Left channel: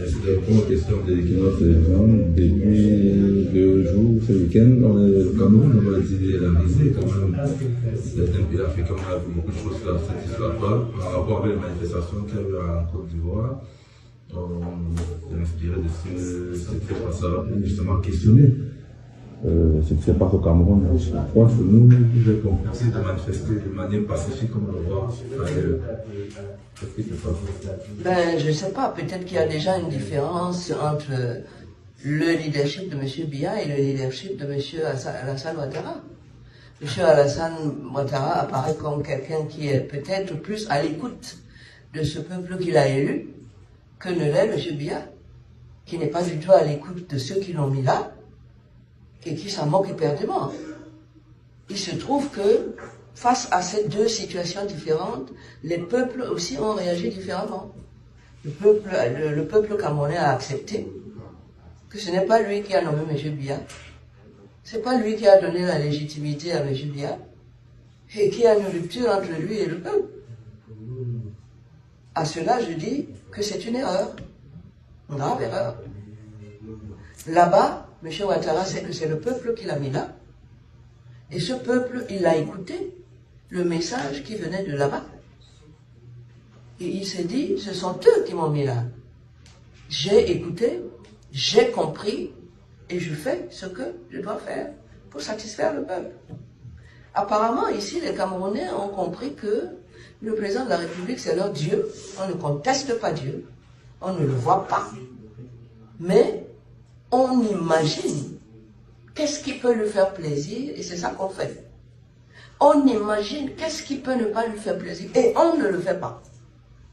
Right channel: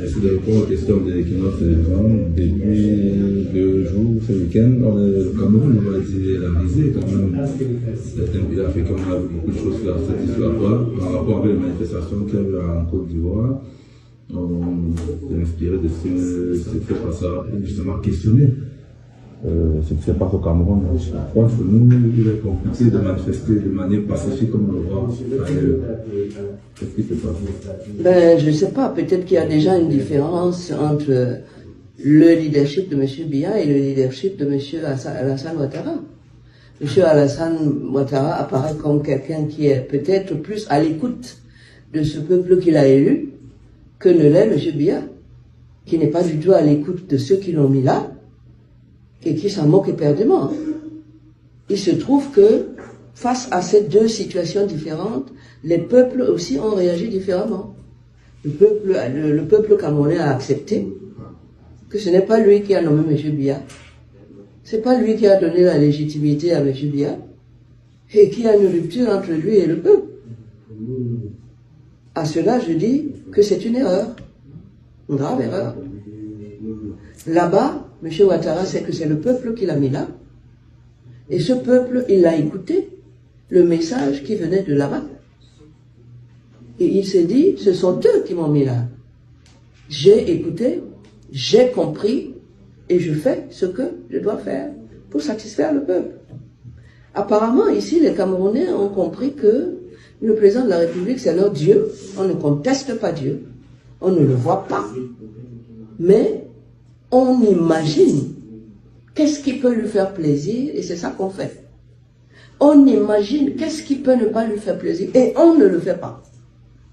Je suis d'accord aux questions de l'équinoxe des femmes. Depuis 2 jours, ce week-end, on est au Cameroun, on m'a dit analyser quand même. Certains pays africains, on a beaucoup de choses là, ça ne satisfait pas. On a compris les manifestations qu'il y a en Côte d'Ivoire. On s'est inspiré de ce qui fait passer pour justement questionner ce qui se passe au Cameroun. Je pense que nous, il est compliqué de manifester de manière pacifique comme nous le qu'est-ce qui se passe? Ben, je ne sais pas, peut-être qu'il y a déjà une différence entre le leadership de M. Biya et le leadership de M. Alassane Ouattara. M. Alassane Ouattara apparaît comme quelqu'un qui est peut-être plus à l'écoute de ce peuple qu'il a élu que ne l'est M. Biya, qui n'est pas du tout à l'écoute de ceux qui l'ont mis là, et qui s'en moque éperdument. Il se trouve que, face à ces deux situations différentes, les peuples aussi ont réagi différemment. Le peuple camerounais a accepté que ce n'est pas lui qui a nommé M. Biya, c'est pas lui qui a donné la légitimité à M. Biya, et qu'il y a une rupture entre lui et le peuple. À cela, je dis que c'est une erreur, une grave erreur. Là-bas, M. Ouattara sait que c'est le peuple qui l'a mis là. Et ce peuple, il a écouté le message qui venait de là-bas. Et il s'est dit, ce sont eux qui m'ont mis là. J'ai écouté, j'ai compris, et je fais ce que je dois faire pour satisfaire le peuple. Apparemment, ici, les Camerounais ont compris que le président de la République, c'est leur Dieu. On ne conteste pas Dieu. On ne le voit pas. Mais on imagine qu'est-ce qui peut lui faire plaisir, et c'est ça qu'on fait. On imagine qu'est-ce qui peut ne pas lui faire plaisir, et on ne le fait pas.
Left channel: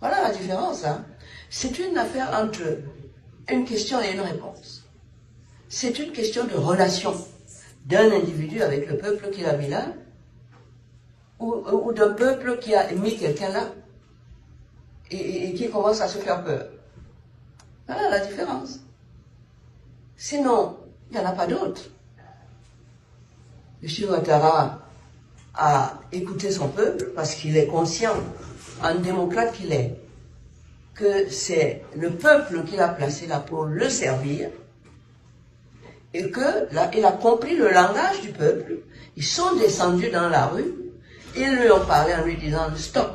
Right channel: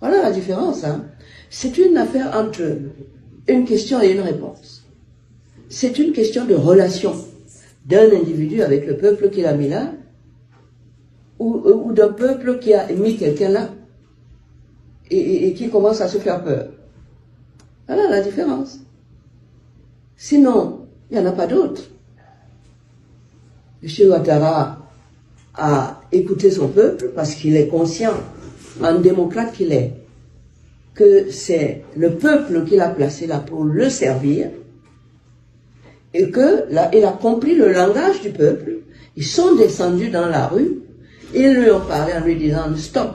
Voilà la différence, hein. C'est une affaire entre une question et une réponse. C'est une question de relation d'un individu avec le peuple qu'il a mis là, ou d'un peuple qui a mis quelqu'un là, et qui commence à se faire peur. Voilà la différence. Sinon, il n'y en a pas d'autre. M. Ouattara a écouté son peuple parce qu'il est conscient, en démocrate qu'il est, que c'est le peuple qu'il a placé là pour le servir, et que là, il a compris le langage du peuple. Ils sont descendus dans la rue, ils lui ont parlé en lui disant « Stop,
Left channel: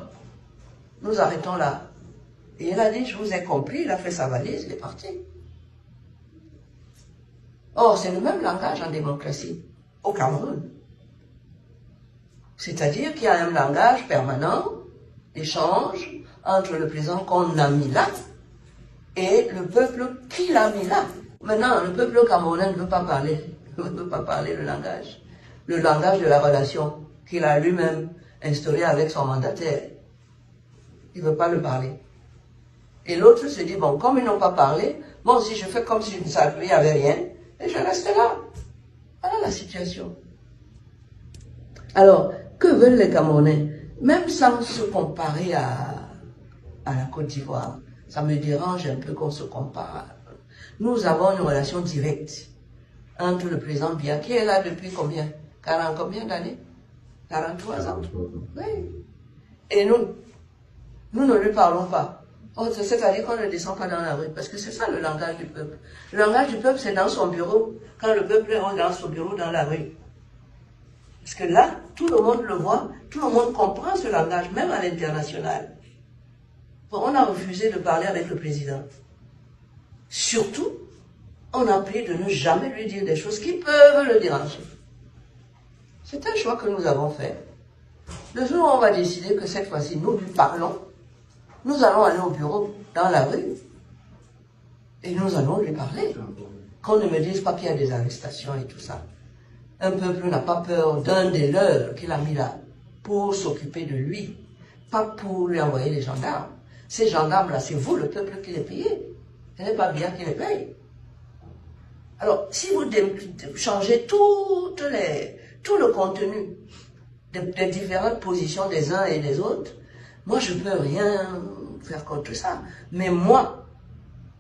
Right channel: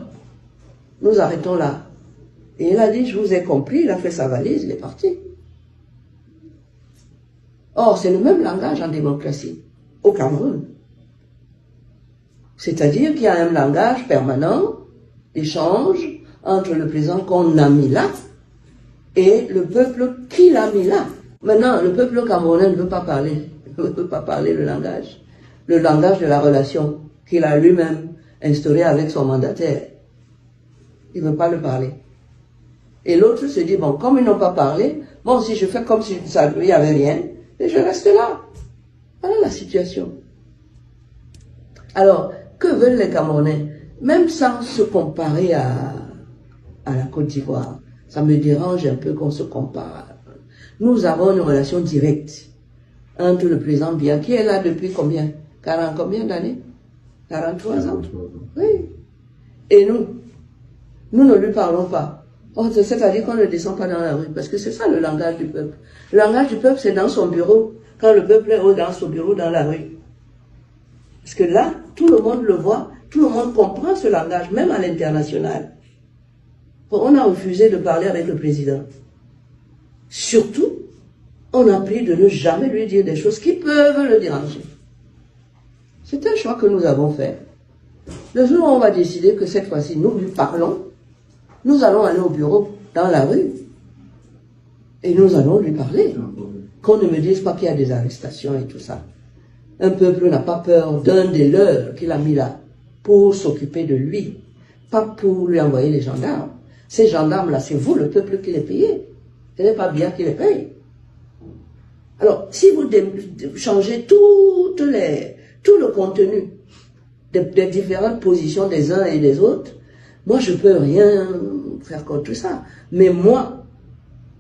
nous arrêtons là ». Et il a dit « Je vous ai compris », il a fait sa valise, il est parti. Or, c'est le même langage en démocratie, au Cameroun. C'est-à-dire qu'il y a un langage permanent d'échange entre le président qu'on a mis là et le peuple qui l'a mis là. Maintenant, le peuple camerounais ne veut pas parler le langage de la relation qu'il a lui-même instauré avec son mandataire. Il ne veut pas le parler. Et l'autre se dit, bon, comme ils n'ont pas parlé, bon, si je fais comme si il n'y avait rien, et je reste là. Voilà la situation. Alors, que veulent les Camerounais? Même sans se comparer à la Côte d'Ivoire, ça me dérange un peu qu'on se compare. Nous avons une relation directe entre le président Biya, qui est là depuis combien? 40 combien d'années? 43 ans? Oui. Et nous ne lui parlons pas. C'est-à-dire qu'on ne descend pas dans la rue, parce que c'est ça le langage du peuple. Le langage du peuple, c'est dans son bureau, quand le peuple est dans son bureau, dans la rue. Parce que là, tout le monde le voit, tout le monde comprend ce langage, même à l'international. On a refusé de parler avec le président. Surtout, on a pris de ne jamais lui dire des choses qui peuvent le déranger. C'est un choix que nous avons fait. Le jour où on va décider que cette fois-ci, nous lui parlons, nous allons aller au bureau, dans la rue, et nous allons lui parler. Qu'on ne me dise pas qu'il y a des arrestations et tout ça. Un peuple n'a pas peur d'un des leurs qu'il a mis là, pour s'occuper de lui, pas pour lui envoyer les gendarmes. Ces gendarmes-là, c'est vous, le peuple, qui les payez. Ce n'est pas bien qui les paye. Alors, si vous changez tout le contenu des différentes positions des uns et des autres, moi, je ne peux rien faire contre ça. Mais moi,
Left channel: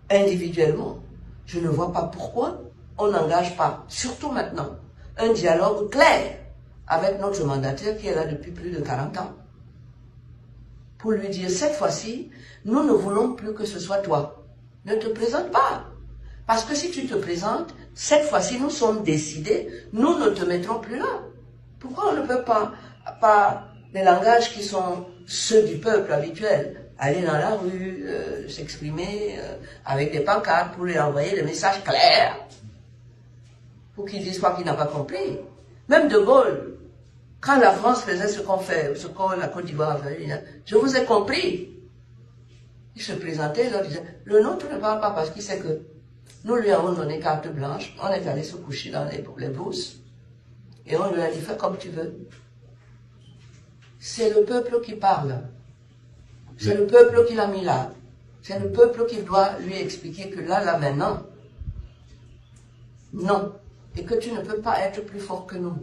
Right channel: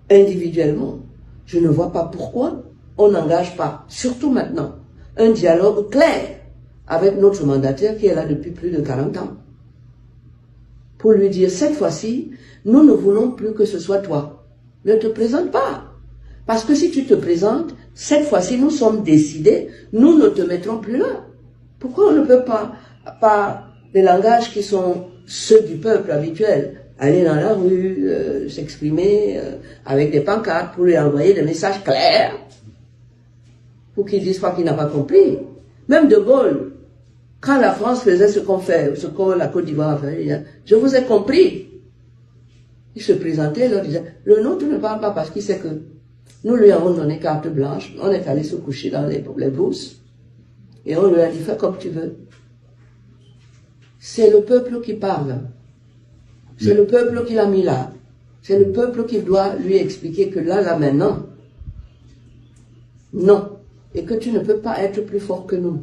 individuellement, je ne vois pas pourquoi on n'engage pas, surtout maintenant, un dialogue clair avec notre mandataire qui est là depuis plus de 40 ans. Pour lui dire, cette fois-ci, nous ne voulons plus que ce soit toi Ne te présente pas. Parce que si tu te présentes, cette fois-ci, nous sommes décidés, nous ne te mettrons plus là. Pourquoi on ne peut pas, par des langages qui sont ceux du peuple habituel, aller dans la rue, s'exprimer avec des pancartes pour lui envoyer des messages clairs, pour qu'il dise pas qu'il n'a pas compris. Même De Gaulle, quand la France faisait ce qu'on fait, ce que la Côte d'Ivoire a fait, il disait, je vous ai compris. Il se présentait, il leur disait, le nôtre ne parle pas parce qu'il sait que nous lui avons donné carte blanche, on est allé se coucher dans les bourses, et on lui a dit, fais comme tu veux. C'est le peuple qui parle. C'est le peuple qui l'a mis là. C'est le peuple qui doit lui expliquer que là, maintenant, non. Et que tu ne peux pas être plus fort que nous.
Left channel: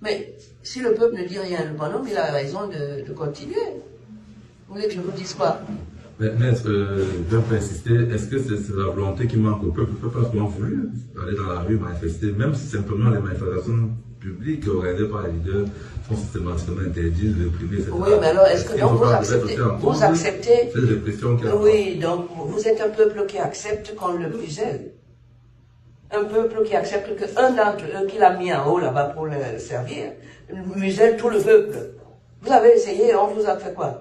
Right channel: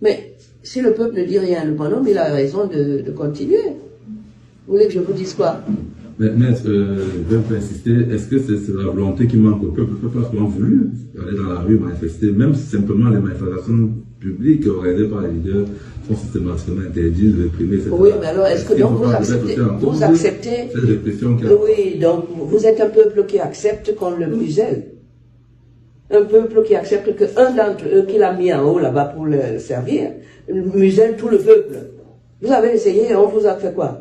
Mais si le peuple ne dit rien, le bonhomme, il a raison de continuer. Vous voulez que je vous dise quoi? Mais maître, je vais pas insister, est-ce que c'est la volonté qui manque au peuple? Le peuple a vraiment voulu aller dans la rue manifester, même si simplement les manifestations publiques organisées par les leaders sont systématiquement interdites, réprimées, etc. Oui, mais alors est-ce que donc vous acceptez oui, donc vous êtes un peuple qui accepte qu'on le muselle. Un peuple qui accepte qu'un d'entre eux qui l'a mis en haut là-bas pour le servir, muselle tout le peuple. Vous avez essayé, on vous a fait quoi?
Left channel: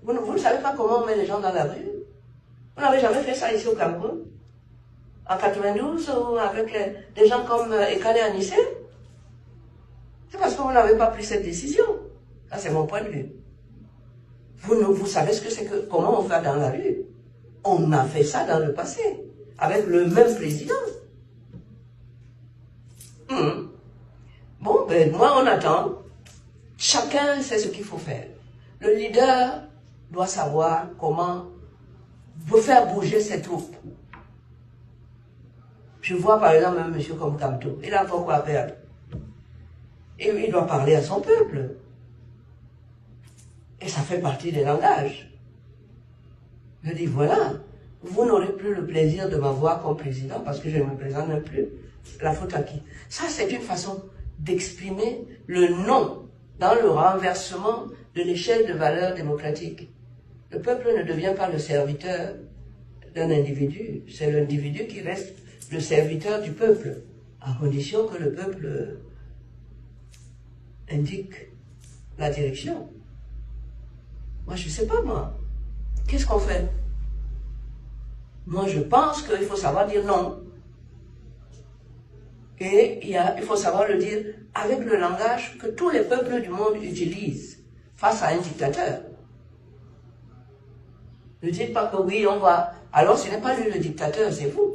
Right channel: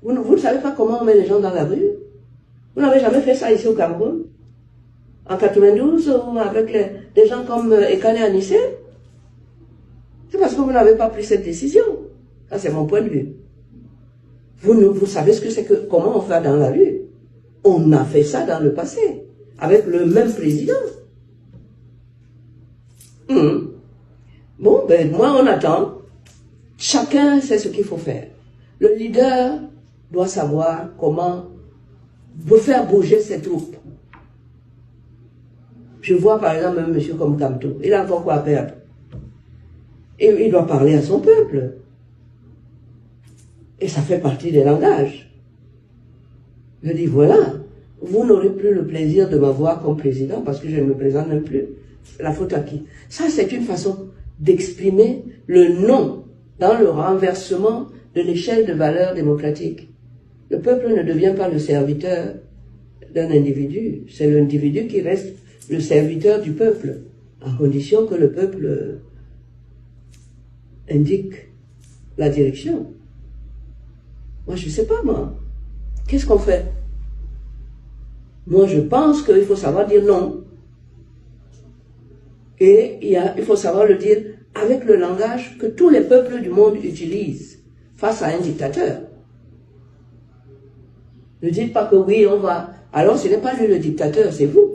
Vous ne savez pas comment on met les gens dans la rue? Vous n'avez jamais fait ça ici au Cameroun? En 92, avec des gens comme Ekane Anissé? C'est parce que vous n'avez pas pris cette décision. Ça, c'est mon point de vue. Vous savez ce que c'est que, comment on fait dans la rue? On a fait ça dans le passé, avec le même président. Bon, ben, moi, on attend. Chacun sait ce qu'il faut faire. Le leader doit savoir comment faire bouger ses troupes. Je vois par exemple un monsieur comme Kamto, il a encore quoi à perdre. Et il doit parler à son peuple. Et ça fait partie des langages. Je dis voilà, vous n'aurez plus le plaisir de m'avoir comme président parce que je ne me présente même plus. La faute à qui? Ça, c'est une façon d'exprimer le non dans le renversement de l'échelle de valeurs démocratiques. Le peuple ne devient pas le serviteur d'un individu, c'est l'individu qui reste le serviteur du peuple, à condition que le peuple indique la direction. Moi, je ne sais pas, moi. Qu'est-ce qu'on fait? Moi, je pense qu'il faut savoir dire non. Et il faut savoir le dire avec le langage que tous les peuples du monde utilisent face à un dictateur. Ne dites pas que oui, on va... Alors, ce n'est pas lui le dictateur, c'est vous.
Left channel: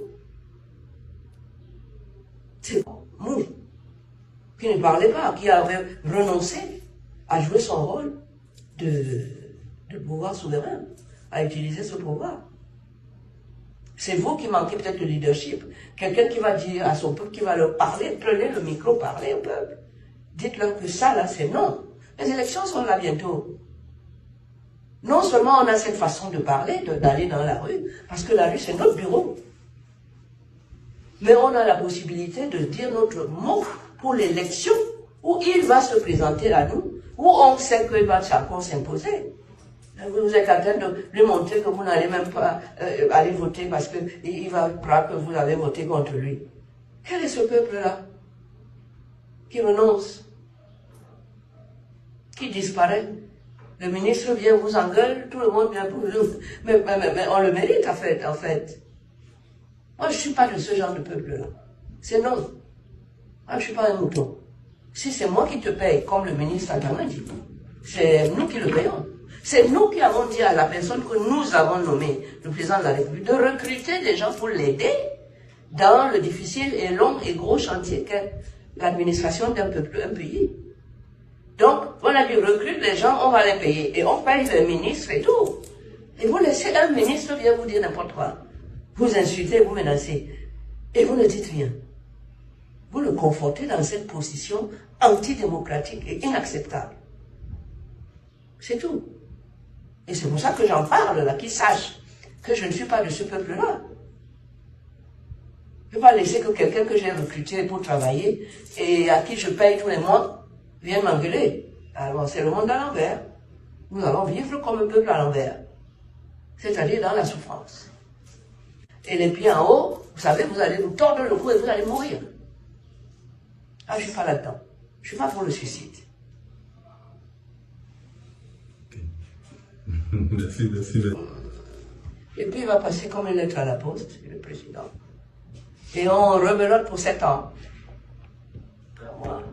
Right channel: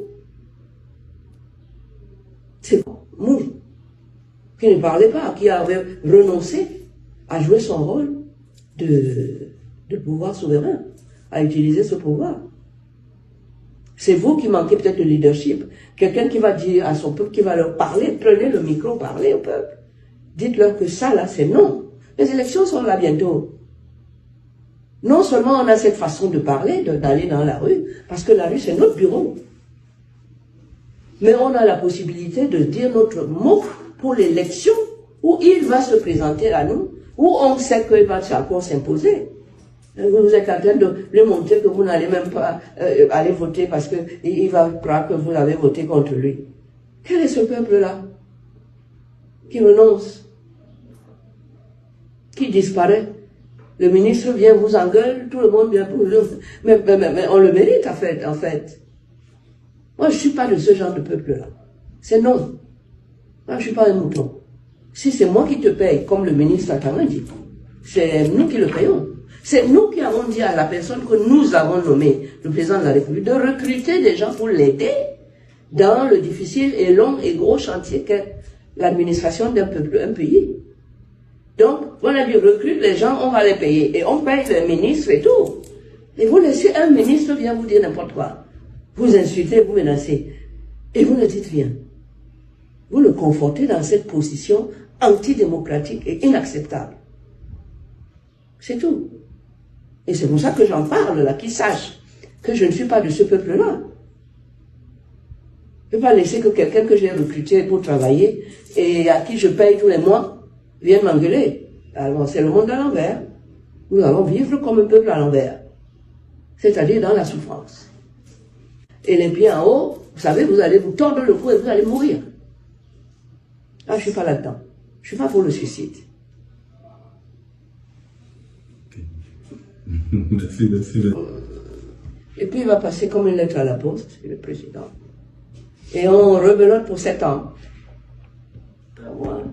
C'est vous, qui ne parlez pas, qui avez renoncé à jouer son rôle de pouvoir souverain, à utiliser ce pouvoir. C'est vous qui manquez peut-être de leadership. Quelqu'un qui va dire à son peuple, qui va leur parler, prenez le micro, parlez au peuple. Dites-leur que ça, là, c'est non. Les élections sont là bientôt. Non seulement on a cette façon de parler, d'aller dans la rue, parce que la rue, c'est notre bureau. Mais on a la possibilité de dire notre mot pour l'élection, où il va se présenter à nous, où on sait qu'il va encore s'imposer. Vous êtes en train de lui montrer que vous n'allez même pas aller voter parce qu'il va croire que vous avez voté contre lui. Quel est ce peuple-là qui renonce, qui disparaît? Le ministre vient, vous engueule, tout le monde vient pour lui. Mais on le mérite en fait. Moi, je ne suis pas de ce genre de peuple-là. C'est non. Moi, je ne suis pas un mouton. Si c'est moi qui te paye, comme le ministre Atama dit, c'est nous qui le payons. C'est nous qui avons dit à la personne que nous avons nommé, le président de la République, de recruter des gens pour l'aider dans le difficile et long et gros chantier qu'est l'administration d'un peuple, un pays. Donc, on a dit, recrute les gens, on va les payer. Et on paye les ministres et tout. Et vous laissez un ministre vient vous dire n'importe quoi. Vous insultez, vous menacez. Et vous ne dites rien. Vous le confortez dans cette position antidémocratique et inacceptable. C'est tout. Et c'est pour ça que j'en parle là, qu'ils sachent que je ne suis pas de ce peuple-là. Je ne vais pas laisser que quelqu'un que j'ai recruté pour travailler et à qui je paye tous les mois vienne m'engueuler. Alors c'est le monde à l'envers. Nous allons vivre comme un peuple à l'envers. C'est-à-dire dans la souffrance. et les pieds en haut, vous savez, vous allez vous tordre le cou et vous allez mourir. Ah, je ne suis pas là-dedans. Je ne suis pas pour le suicide. Merci. Et puis il va passer comme une lettre à la poste, le président. Et on rebelote pour 7 ans. Ah, ouais.